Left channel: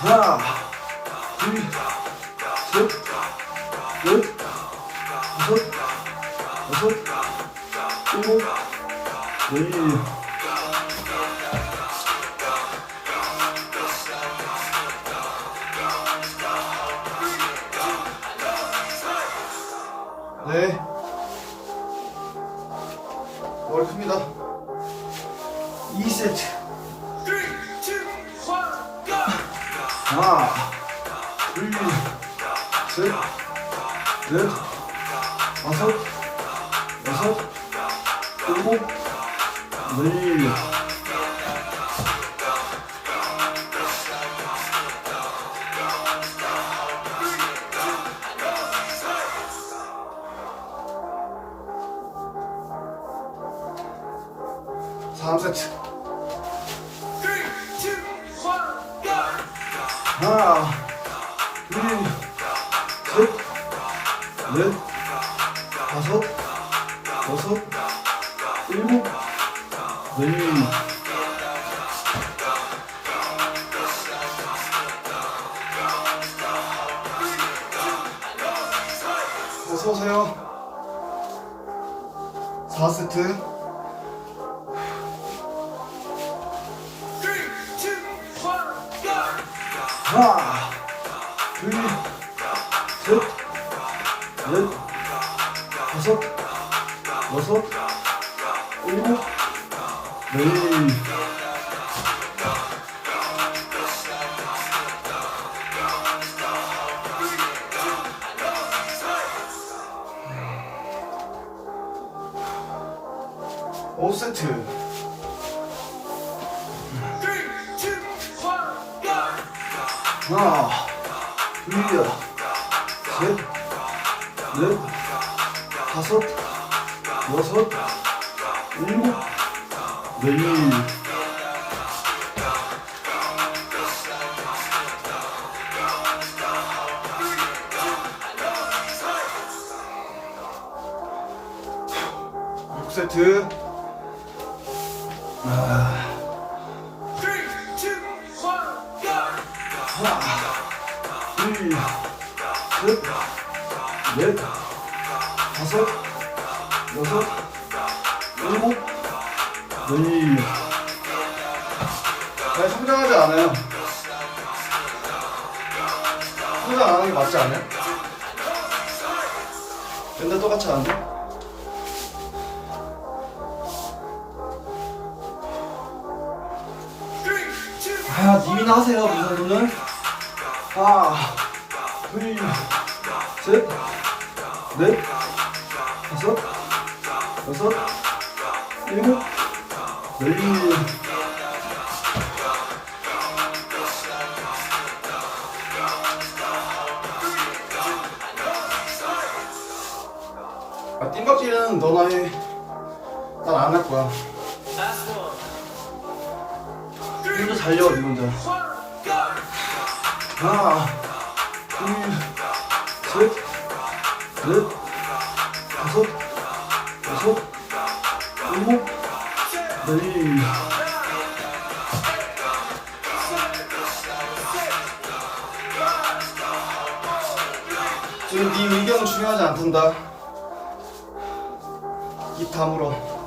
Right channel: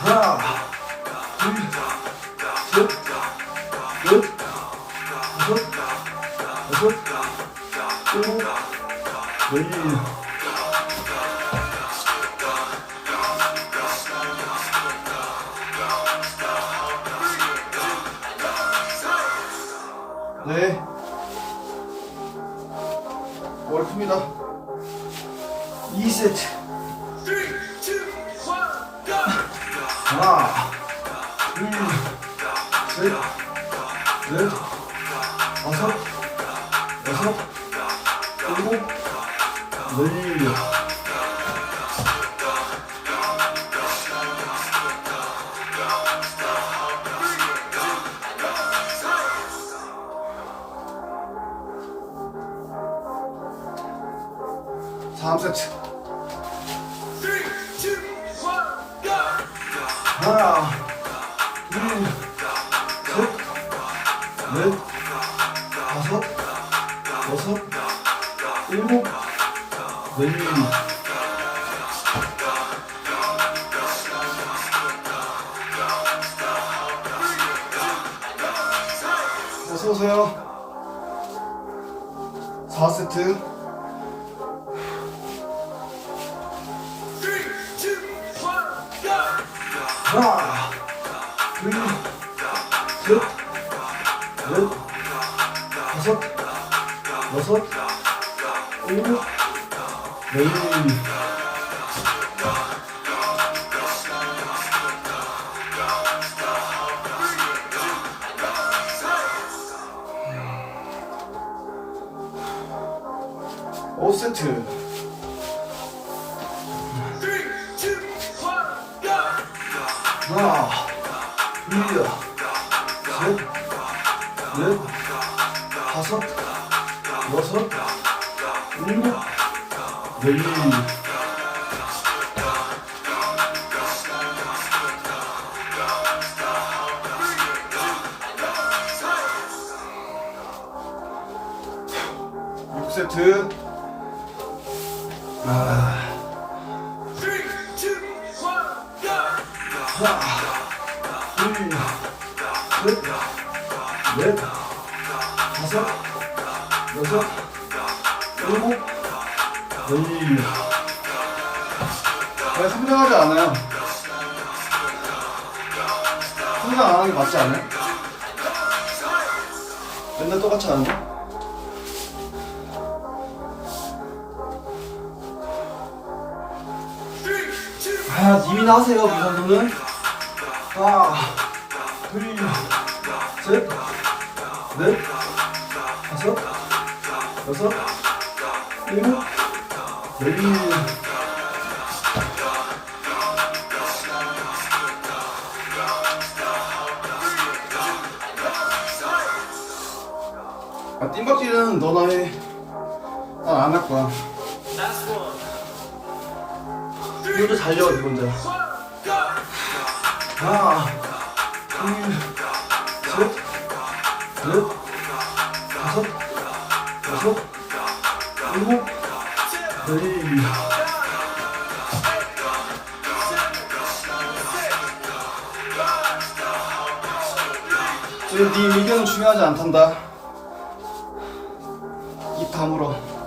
하나, 둘, 셋, 넷, 다섯, 여섯, 일곱, 열. 네. 큽니다. 2세트. 하나, 둘, 셋, 넷, 다섯, 여섯, 일곱, 열. 다음 세트. 하나, 둘, 셋, 넷, 다섯, 여섯, 일곱, 열. 어서 오세요. 4세트. 하나, 둘, 셋, 넷, 다섯, 여섯, 일곱, 열. 오 세트. 하나, 둘, 셋, 넷, 다섯, 여섯, 일곱, 열. 육 세트. 아, 둘, 셋, 넷, 다섯, 여섯, 일곱, 열. 네, 성장하지 않아요. 성장 안 하는 게 맞지 않아요? 맨날 똑같이 하는데? 아, 님이나 하세요, 그 정도는. 하나, 둘, 셋, 넷, 다섯, 여섯, 일곱, 열. 아, 띵박질은 너나 해. 난 안 할 거야. 니 혼자 달려, 니 혼자. 하나, 둘, 셋, 넷, 다섯, 여섯, 일곱, 열. 지금 네 의견은 중요하지 않단다. 입 다물어.